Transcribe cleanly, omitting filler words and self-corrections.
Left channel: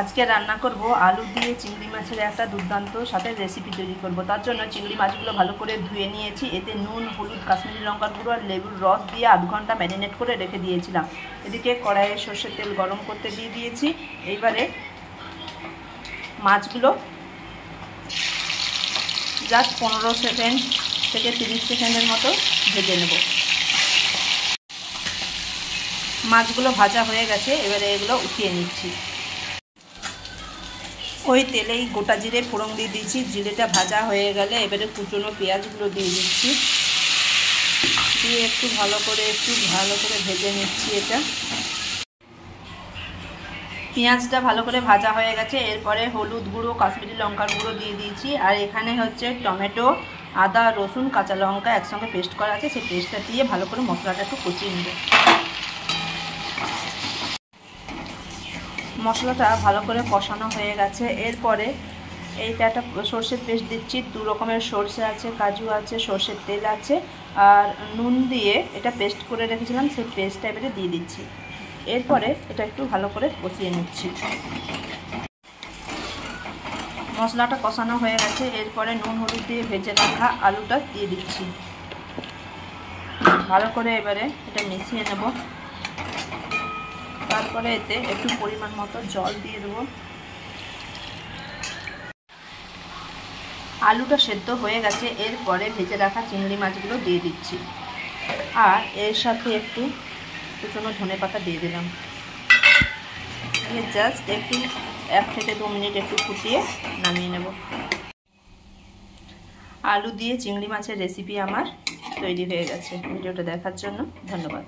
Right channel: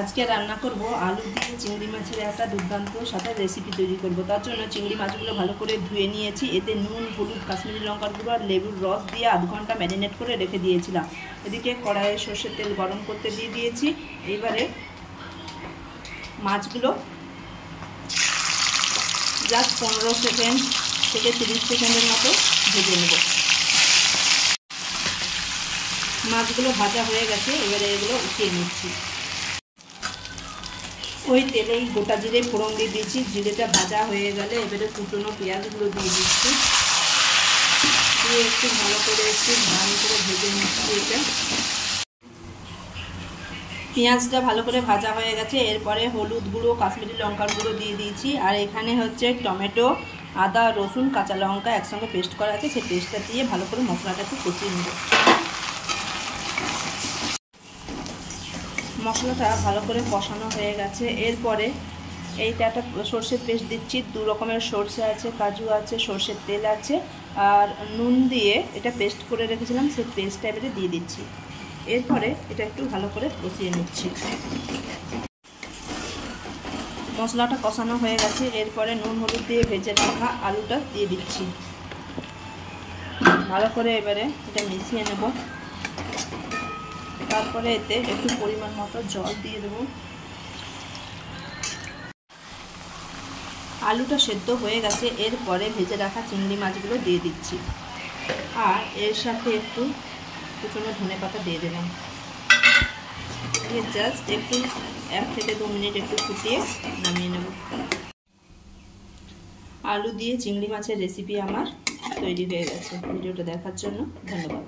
আজকে রান্না করব আলু দিয়ে চিংড়ি মাছের একটা দুর্দান্ত সাথে রেসিপি তৈরি করব। তার জন্য চিংড়ি মাছগুলো ভালো করে ধুয়ে নিয়েছি। এতে নুন, হলুদ, কাশ্মীরি লঙ্কার গুঁড়ো আর লেবুর রস দিয়ে আধ ঘন্টা ম্যারিনেট করে রেখে দিয়েছিলাম। এদিকে কড়াইয়ে সর্ষের তেল গরম করতে দিয়ে দিয়েছি। এইবারে মাছগুলো জাস্ট 15 সেকেন্ড থেকে 30 সেকেন্ডের মতো ভেজে নেব। মাছগুলো ভাজা হয়ে গেছে, এবারে এগুলো উঠিয়ে নিচ্ছি। ওই তেলেই গোটা জিরে ফোড়ন দিয়ে দিয়েছি। জিরেটা ভাজা হয়ে গেলে এবারে কুচনো পেঁয়াজগুলো দিয়ে দিচ্ছি। দিয়ে একটু ভালো করে ভেজে নিচ্ছি। এটা পেঁয়াজটা ভালো করে ভাজা হয়ে গেছে। এরপরে হলুদ গুঁড়ো, কাশ্মীরি লঙ্কার গুঁড়ো দিয়ে দিয়েছি। আর এখানে হচ্ছে টমেটো, আদা, রসুন, কাঁচা লঙ্কা একসঙ্গে পেস্ট করা আছে, সেই পেস্টটা দিয়ে ভালো করে মশলাটা একটু কষিয়ে নেব। মশলাটা ভালো করে কষানো হয়ে গেছে। এরপরে এইটা একটা সর্ষের পেস্ট দিচ্ছি। 2 রকমের সর্ষে আছে, কাজু আছে, সর্ষের তেল আছে আর নুন দিয়ে এটা পেস্ট করে রেখেছিলাম, সেই পেস্টটা এবারে দিয়ে দিচ্ছি। এরপরে এটা একটু ভালো করে কষিয়ে নিচ্ছি। মশলাটা কষানো হয়ে গেছে। এরপরে নুন হলুদ দিয়ে ভেজে রাখা আলুটা দিয়ে দিচ্ছি। ভালো করে এবারে এটা মিশিয়ে নেব। তারপরে এতে একটু পরিমাণ মতো জল দিয়ে দেবো। আলুটা সেদ্ধ হয়ে গেছে। এরপরে ভেজে রাখা চিংড়ি মাছগুলো দিয়ে দিচ্ছি। আর এর সাথে একটু কুচনো ধনেপাতা দিয়ে দিলাম। দিয়ে জাস্ট একটু 1 থেকে 2 মিনিট একটু ফুটিয়ে নামিয়ে নেব। আলু দিয়ে চিংড়ি মাছের রেসিপি আমার তৈরি হয়ে গেছে। ভিডিওটা দেখার জন্য ধন্যবাদ।